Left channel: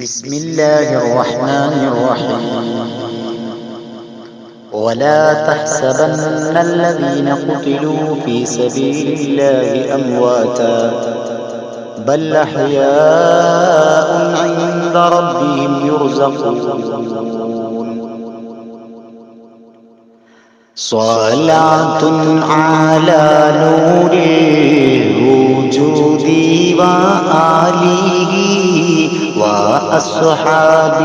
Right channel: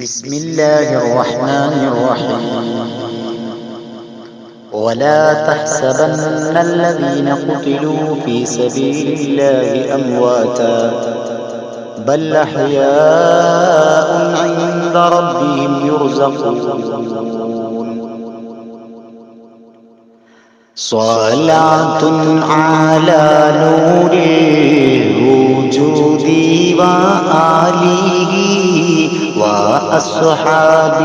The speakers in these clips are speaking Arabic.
بسم الله الرحمن الرحيم. ولا تحسبن الذين قتلوا في سبيل الله أمواتا بل أحياء عند ربهم يرزقون. صلاة على نور الوجود وآله وأصحاب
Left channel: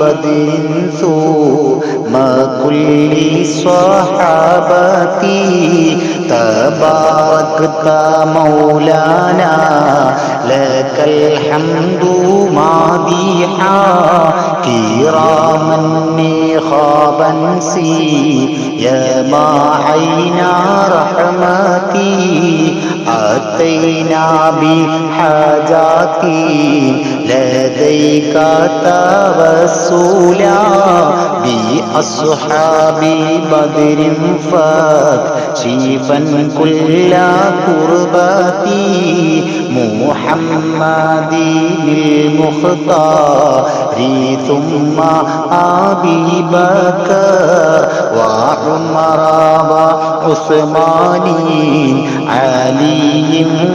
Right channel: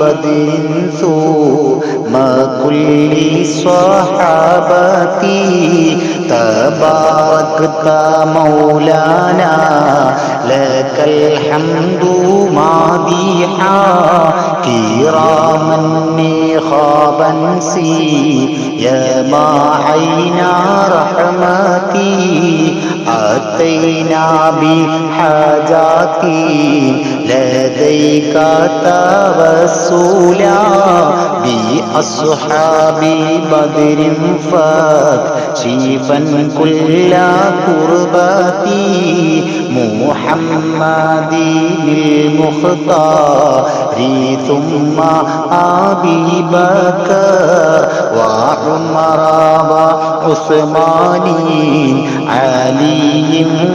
بدر ثم كل صحابتي. تباركت مولانا لك الحمد مادحا كراما خابا يا ما عينا رحمتي أتينا بحاجاتي لديك توسلا بأصحاب بدر فاكشفا كل كربتي محمد المختار ثم أبي بكر وعمر وعثمان علي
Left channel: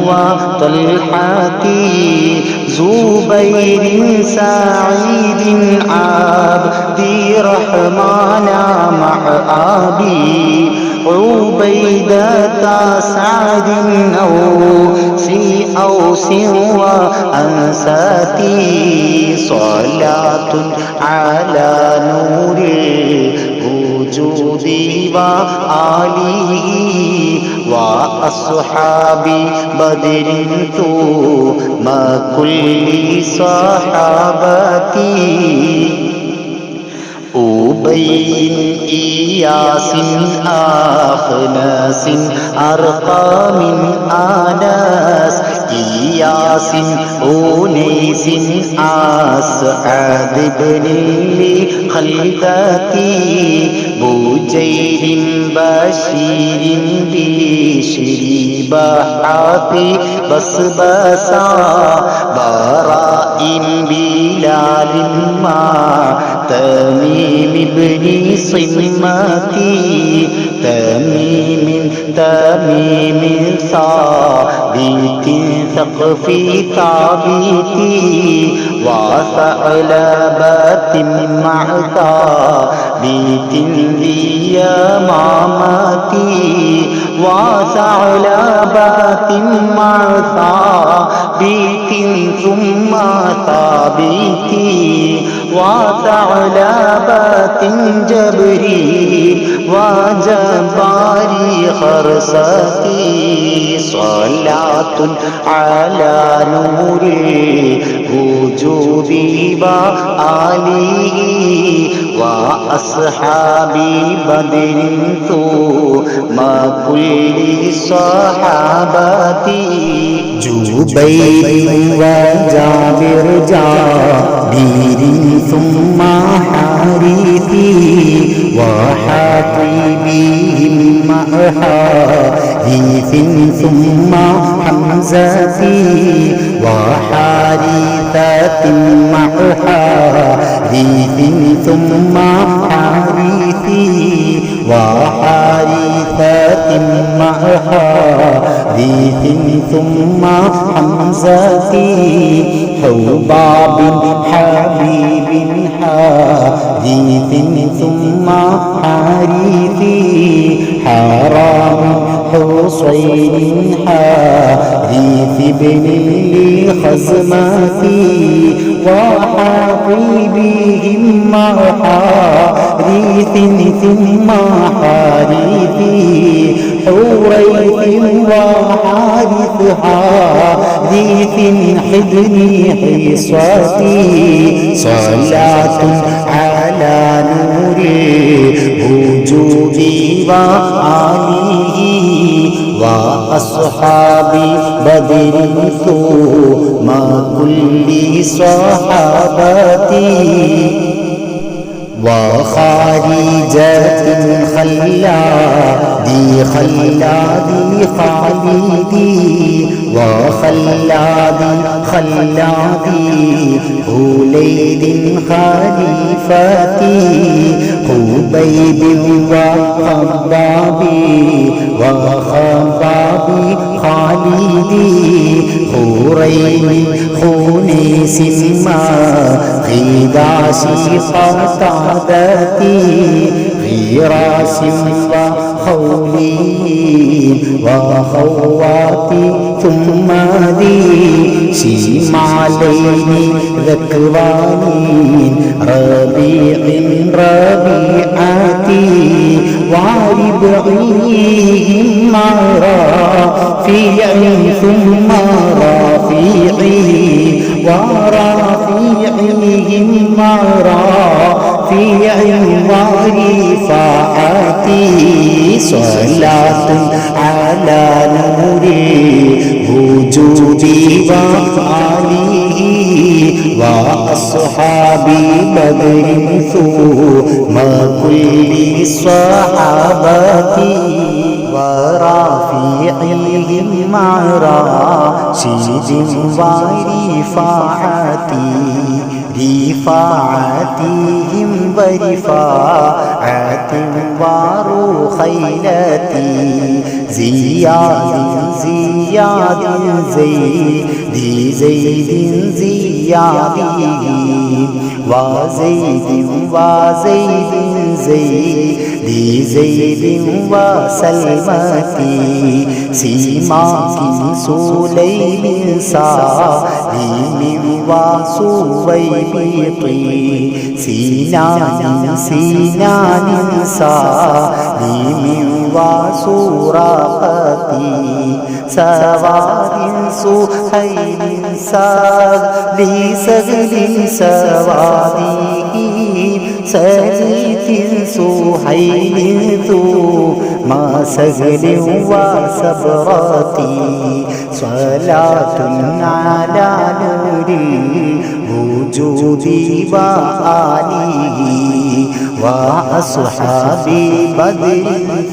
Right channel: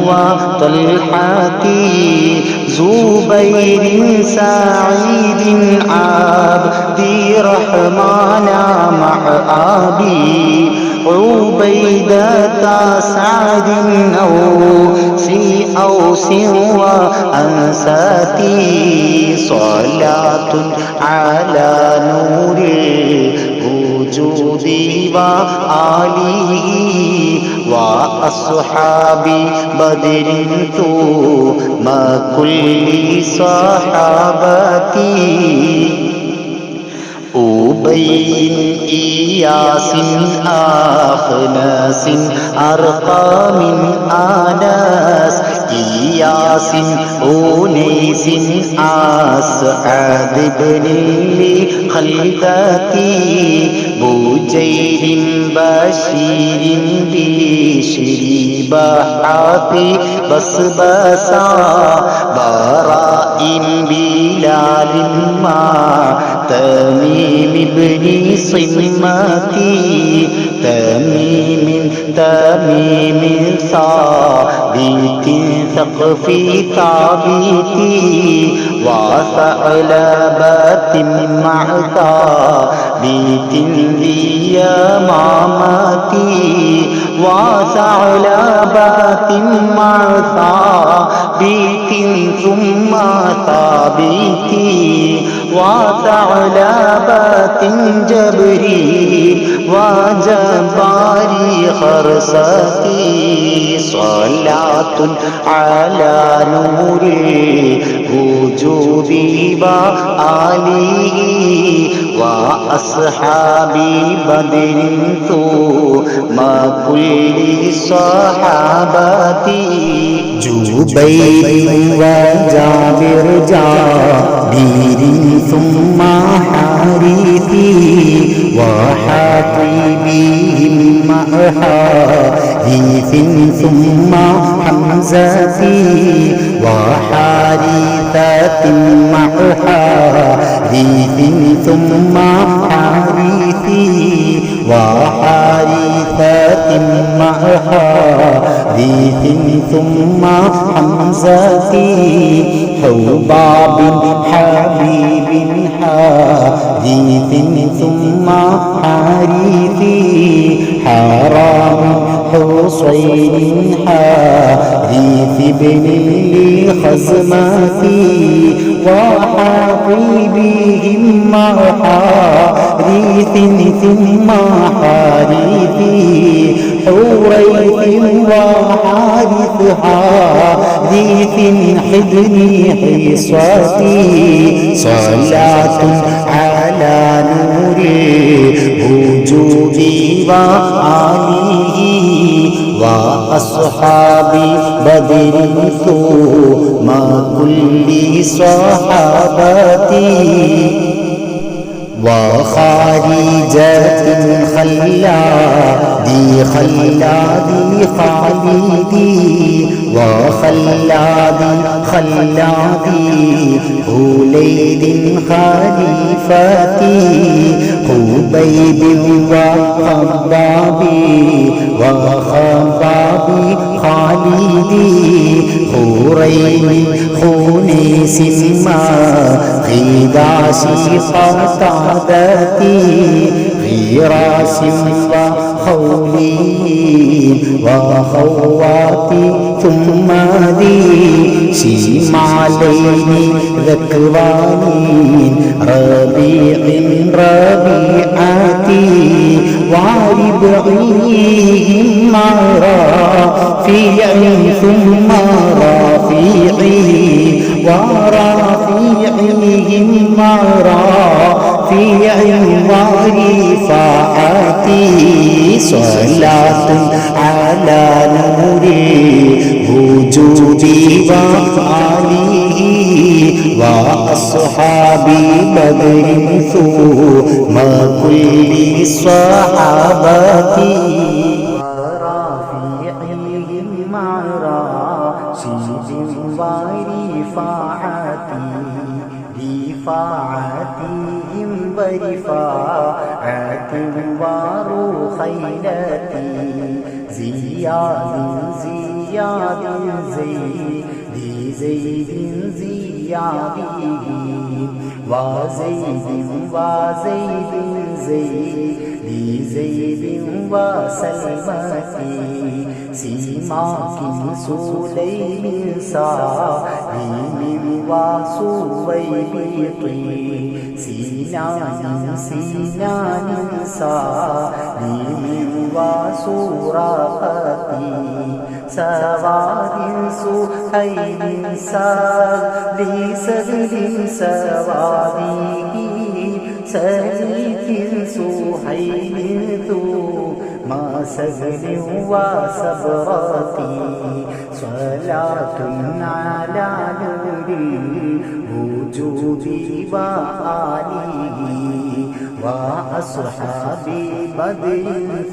وطلحة زبير سعيد عبد الرحمن مع أبي عبيدة سعد أوس وأنساتي. صلاة على نور الوجود وآله وأصحاب بدر ثم كل صحابتي. أبي إياس أخناس أرقام أناس إياس أنيس أسعد بن لخلدتي بجير بشير بشر بحاثي بسبسا براء بلال ما تميم بن صمتي تميم ثابت ثقفي ثابتي وثعلبة مع ثابت ذي يمامتي وثعلبة مع ثابت ثم ثابتي وثعلبة جبريل وجباري خرستي. صلاة على نور الوجود وآله وأصحاب بدر ثم كل صحابتي. جبير وجابر جابر ثم حارثي وحاطبهم مع حارث ثم حمزتي وحارثة مع حارث ثم حارثي وحارثة مع حارث ثم حمزتي حباب حبيب حارث ثم حارثي حرام حصين حارث بن لخزمتي وحاطبهم مع حارث ثم حارثي حريث وحارث حارث حضني حصتي. صلاة على نور الوجود وآله وأصحاب بدر ثم كل صحابتي. وخارجة خلادي خلادي خالدي وخلادي خلادي خليد خليفتي خبيب وخباب وخباب خالدي خريم خنيس ما خداشي قتادتي غراس وخولي وخواتي ثم ذي شمالين ذكوانين ربيع ربيعتي وربعيهم رافيع ثم رافيعي ورافيعهم رافيع ورفاعتي صلاة على نور وجودي وآله وأصحاب بدر ثم كل الصحابة ورافعهم راشد ورفاعتي رفاعتهم ورفاعة ورخيلتي زياد زياد زيد زيد زيادي وزيد وزيد زيد زيد وسلمتي سيماك سليم سالم وسويبطي سنان سنان سالم وسراقتي سواد سهيل سهل سهل سوادي سليك سهيل ثم سهل وسبراتي صلاة على نور الوجود وآله وأصحاب بدر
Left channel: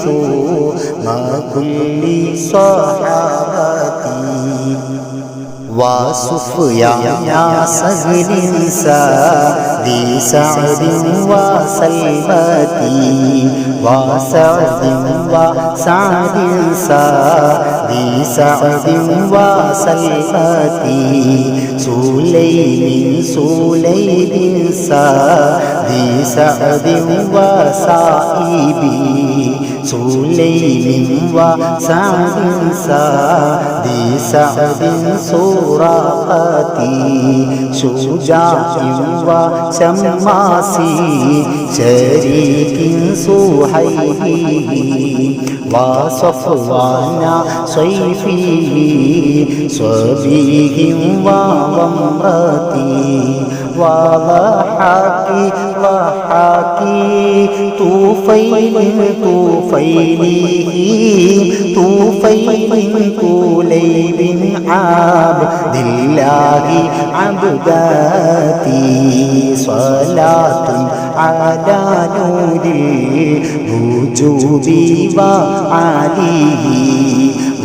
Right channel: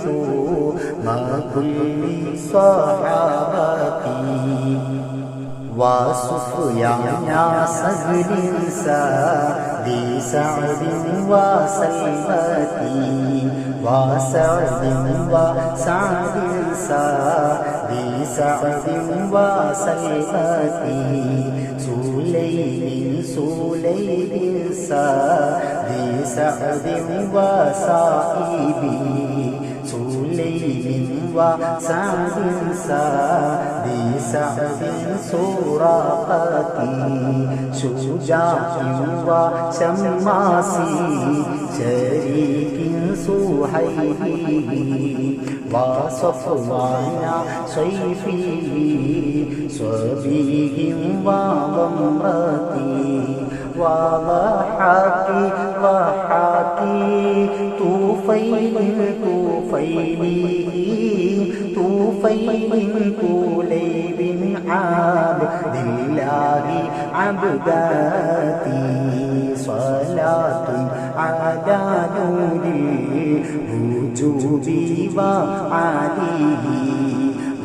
ثم كل صحابتي وسفيان سهل سعد سعد وسلمتي وسعد وسعد سعد سعد وسلمتي سليم سليم سعد سعد وسائبي سليم وسعد سعد سعد سراقتي شجاع وشماسي شريك سهيلي وصفوان صيفي صبيه وضمرتي وضحكي ضحكي طوفيل طوفيله طوفيل كليب عبد الله عبداتي صلاة على نور الوجود وعليه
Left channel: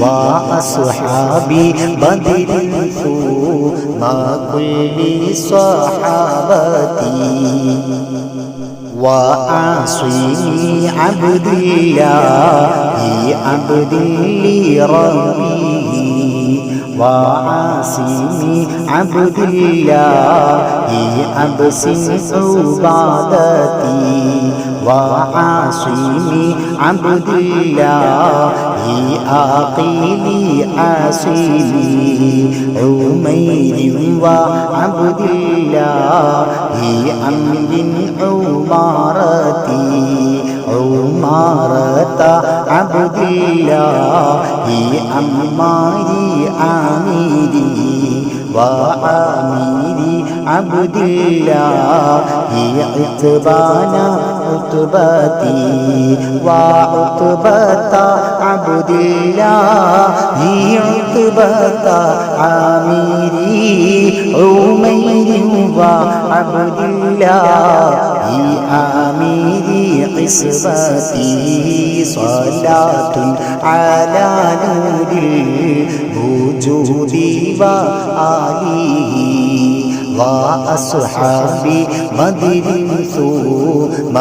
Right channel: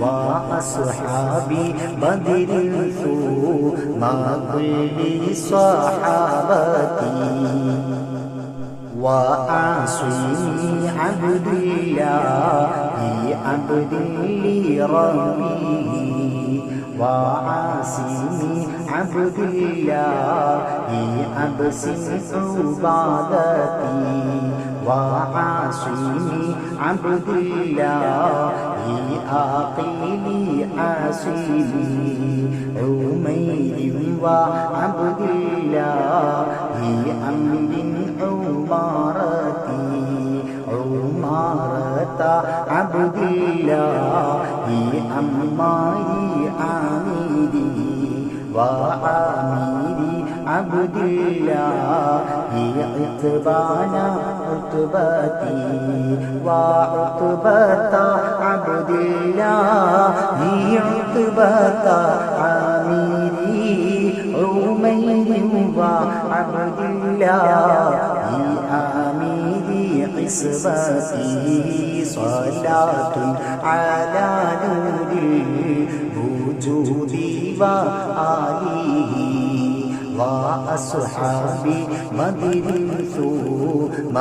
وأصحاب بدر ثم كل صحابتي وعاصمي عبد الله عبد لربه وعاصمي عبد الله أبسم عبادتي وعاصمي عبد الله آقلي عاصمي عمير وعبد الله أمر عمارتي عمارة عبد الله أماري عامري وعامري عبد الله عتبان عتبتي وعتبة عبد الله عتبة عامري عمير وعبد الله عامري عصبتي صلاة على نور الوجود وآله وأصحابي بدر ثم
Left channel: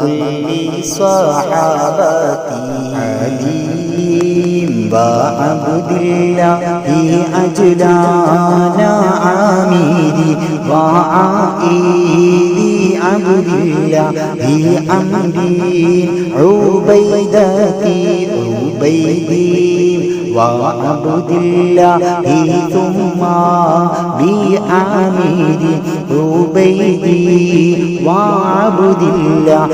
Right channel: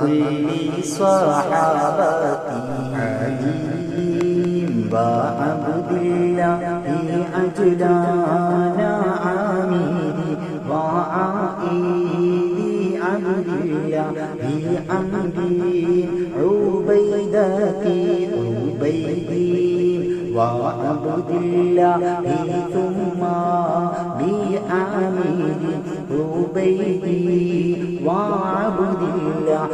كل صحابتي علي وعبد الله أجلانا عامري وعائلي عبد الله عمري عبيدتي عبيدي وعبد الله ثم بعامري عبيدي وعبد الله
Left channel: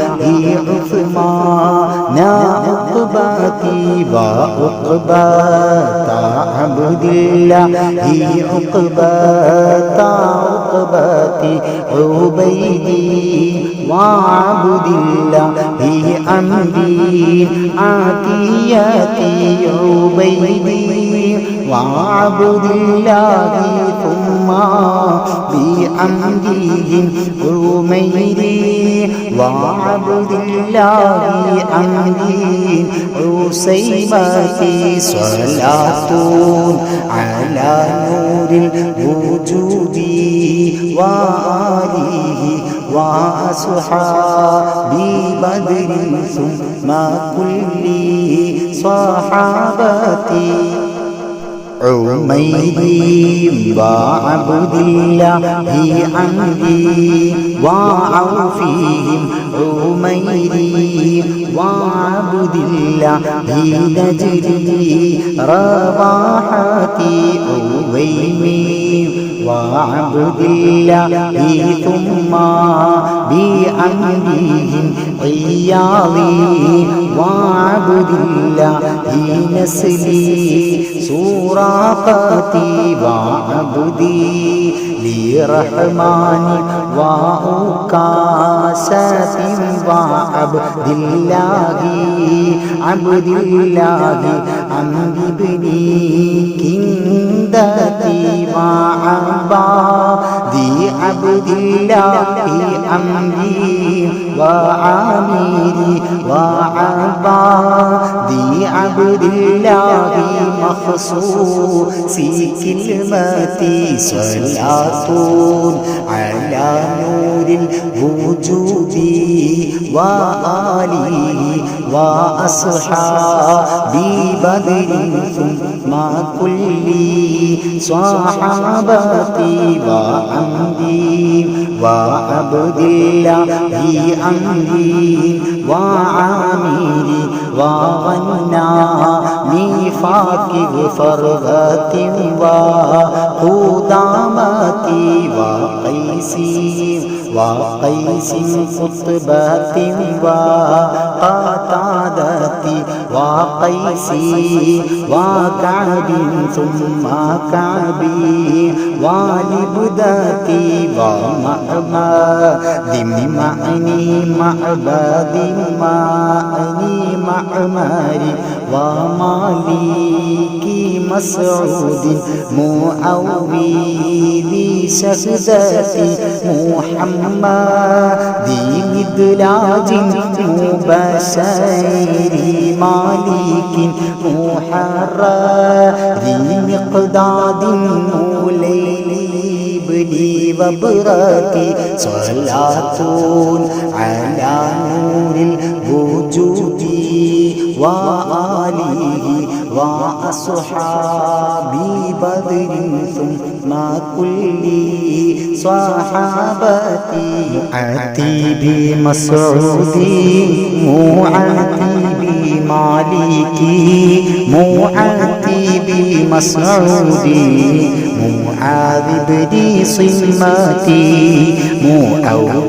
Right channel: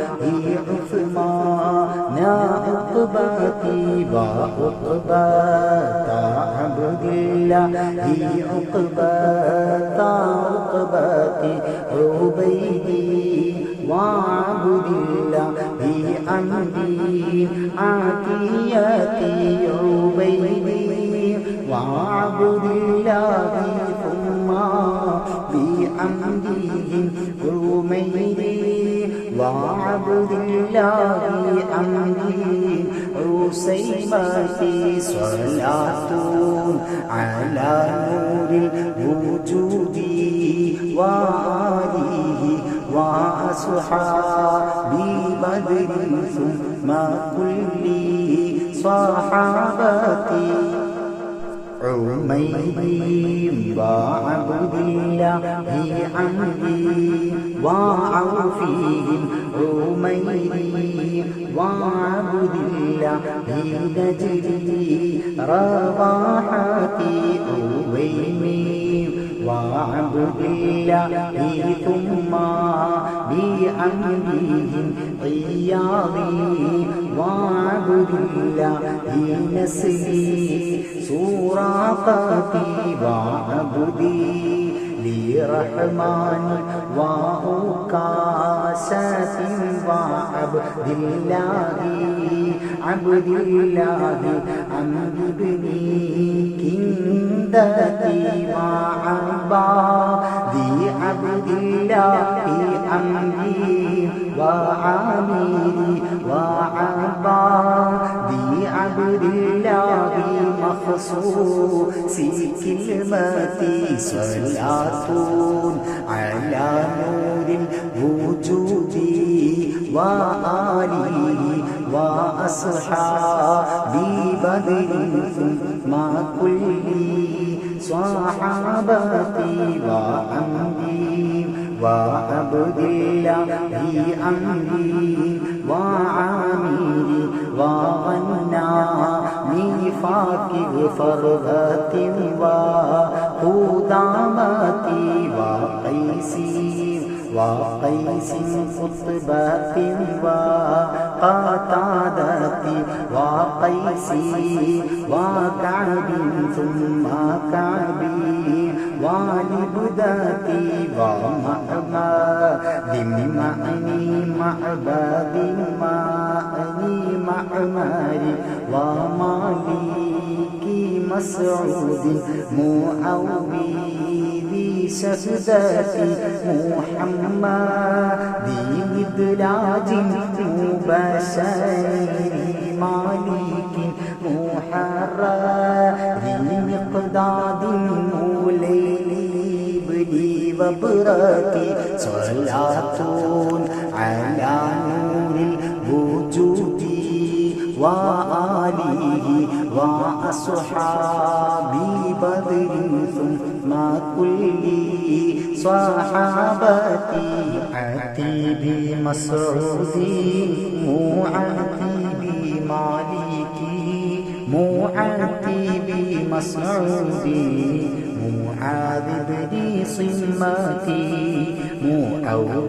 عثمان عقبتي وعقبة عبد الله عقبة عقبتي عبيدي وعبد الله عمري عتيتي عبيدي وعبد الله ثم بعمره عميري وعبد الله عمري عسيمتي صلاة على نور الوجود وآله وأصحابي بدر ثم كل صحابتي عميري وعبد الله عمري وعوفهم عميري وعبد الله نجري رواحتي عويمي وعبد الله ثم بعمرهم عياضي وعبد الله نسلي سراقتي وعبدي لرحمن وأكاسة وعبد الله عبد الله عمرو بن كندتي وعبادي عبد الله عمري وعامري وعبادي عبد الله مخصوصي كلمتي صلاة على نور الوجود وآله وأصحابي بدر ثم كل صحابتي وعمري وعبد الله عمري وعامري وغناني فاكر فرغة وقدامتي وقيس خطبة وقتادة وقيس وكعب ثم كعبي ولبدتي ومعبد معني معبد معني معمري ومالكي مسعود معوذي شهدتي محمد مدلاج مبشر مالك محرر مقداد مولي بلي وبركي صلاة على نور الوجود وآله وأصحابي بدر ثم كل صحابتي أتي بمسعودي معتي بمالكي معتي بمسعودي معاذ بن صمتي معوذ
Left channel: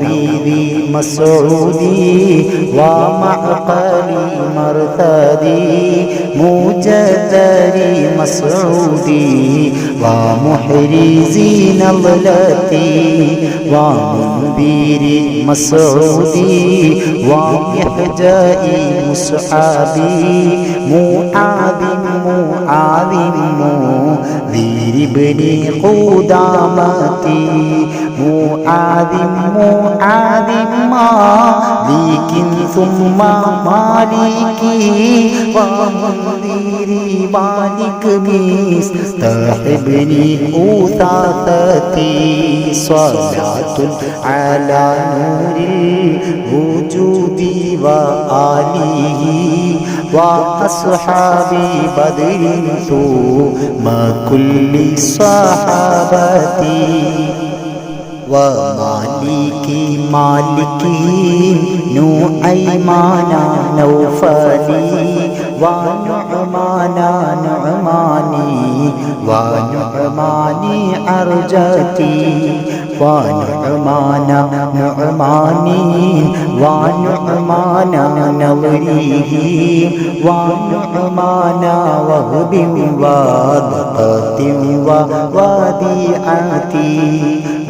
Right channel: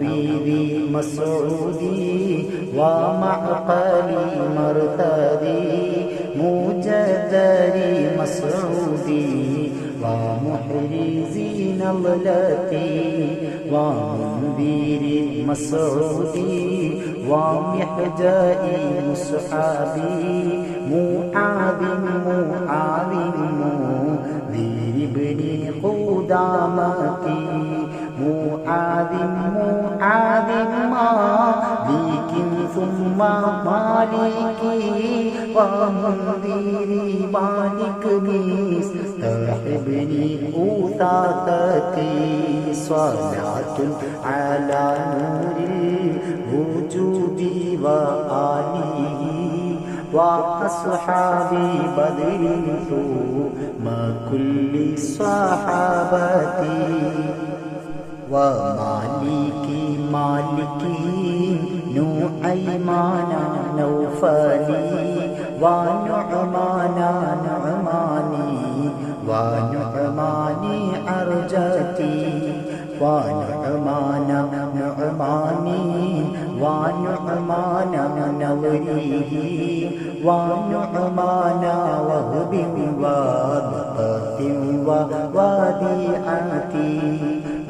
مسعودي ومعقلي مرثدي مجدري مسعودي ومحرزي نضلتي ومنذري مسعودي ومحجائي مصحابي معاذ منذري بن قدامتي معاذ مالك ثم مالكي ومنذري مالك مستحبني أثاثتي صلاة على نور الوجود وآله وأصحابي بدر ثم كل الصحابة ومالكي نعيمان نوفلي ونعمان ونعماني أرجتي ونعمان ونعمان نظريه ونعمان وهب وضقة ووديعتي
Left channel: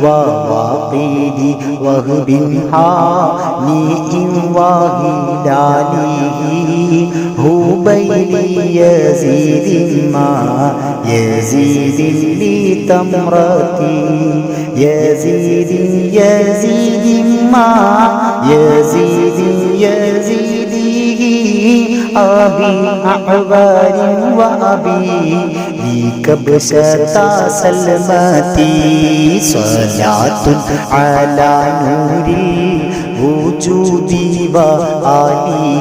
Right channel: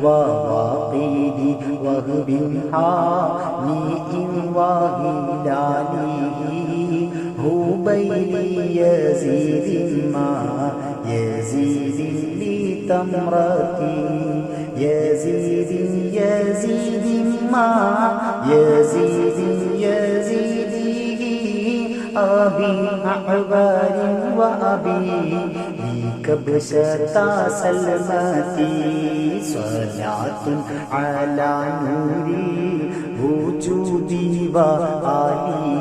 وواقيد وهب هانئ وهلاله هبيلي يزيد ما يزيد لي تمرتي يزيد ما يزيد أبي أعبار وأبي لي كبشة سلمتي صلاة على نور الوجود وآله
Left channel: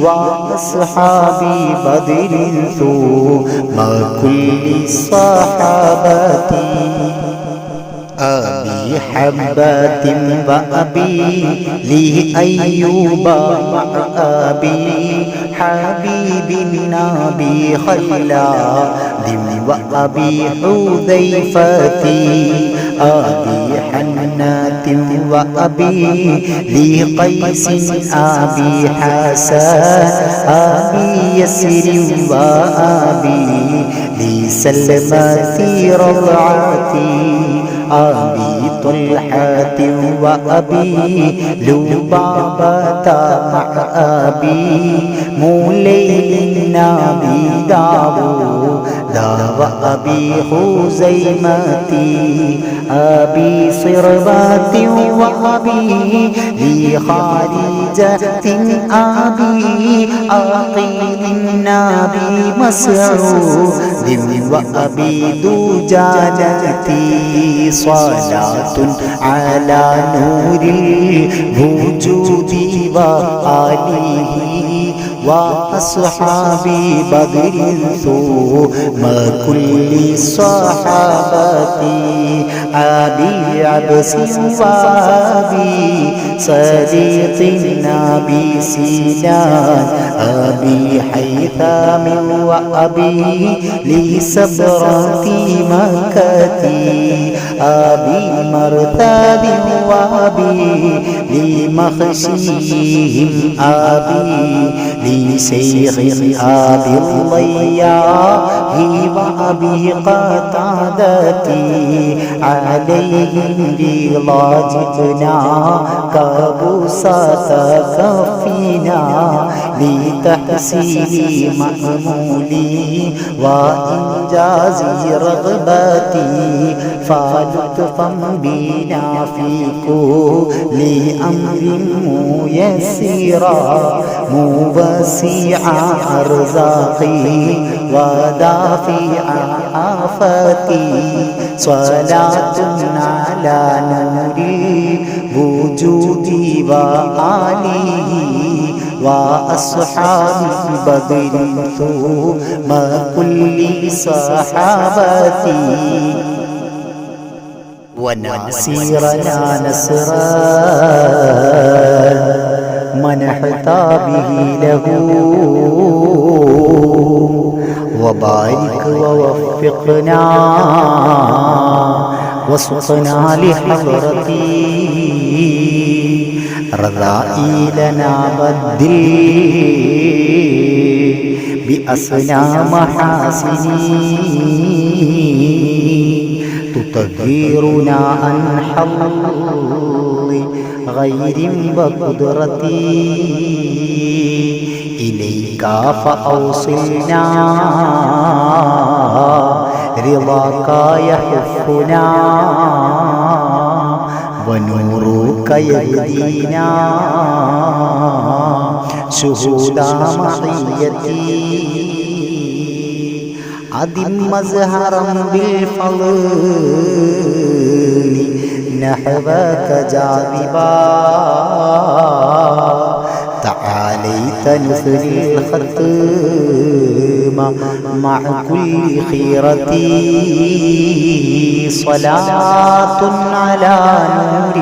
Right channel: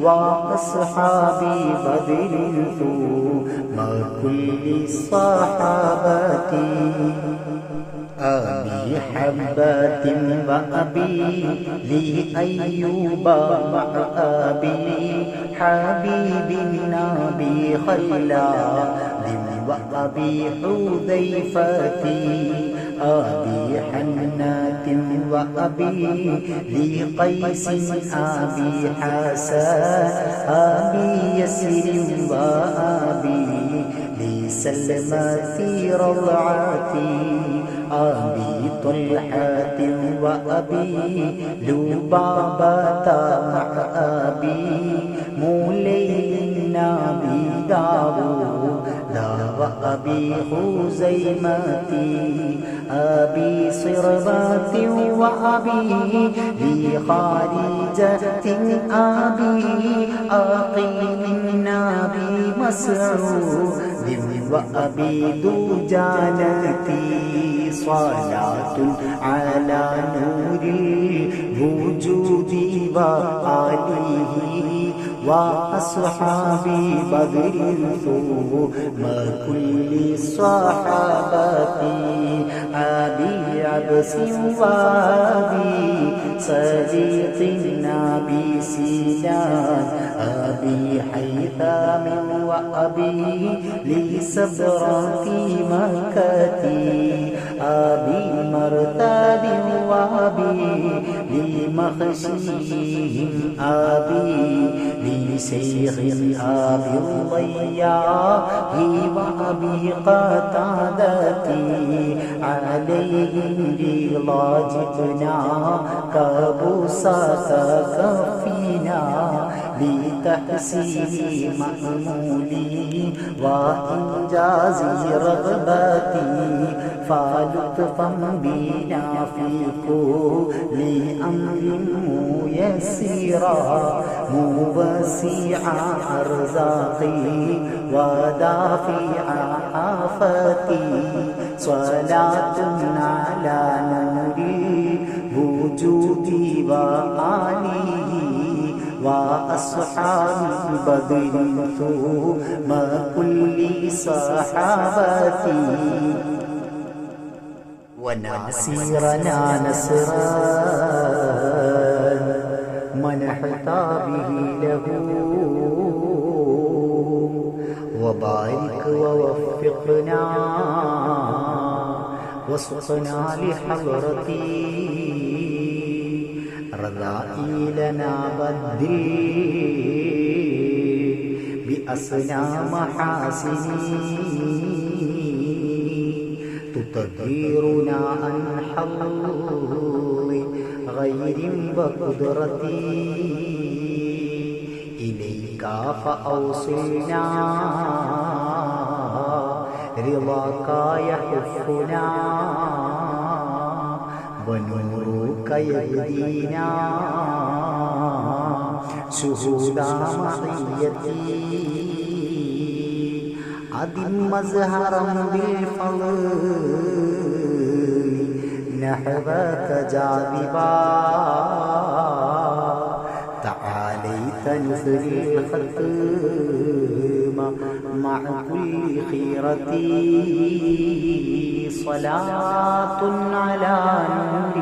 وأصحابي بدر ثم كل الصحابة أبي حبات وأبي لي أيوب مع أبي حبيب النبي خلاد وأبي حذيفة أبي حنات وأبي لي قيس أبي حسن أبي يسر وأبي لي سلمة رضعتي أبي طلحة وأبي لبابة مع أبي مولي النبي داود وأبي خزيمتي أبي صربات وأبي لي خارجة أبي أقيل النبي مسعود وأبي دجاجتي صلاة على نور الوجود وآله وأصحابي بدر ثم كل الصحابة أبي عبس وأبي صديق النبي سنان أبي حيثم وأبي لي سبرة مكتي أبي مرثد وأبي لمخشيهم أبي لشيخ أبي الضياء وأبي قتادتي عليهم رضا جئنا كبساط كفينا لتحسين مأمولي وإنجاز رغبتي فلطفا بنا في كل أمر ميسرا موسع أرزاقي ودافع آفاتي صلاة على نور وجودي وآله وأصحابي بدر ثم كل صحابتي ونصيرنا نصرا منحت به له وبارك ووفقنا وسقنا لحضرتي رذائلنا بدل بأسنا محاسني تطهرنا عن حظ غير وقدرتي إليك فأوصلنا رضاك يحفنا ونورك يهدينا شهود معيتي أدم مزهرا بالفضل نحوك جاذبا تعاليت نثري الختم مع كل خيرتي صلاة على نور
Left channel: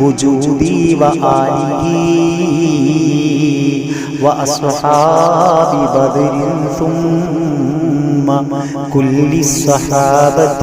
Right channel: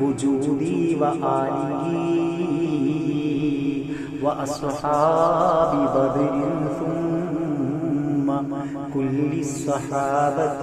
الوجود وآله وأصحاب بدر ثم كل الصحابة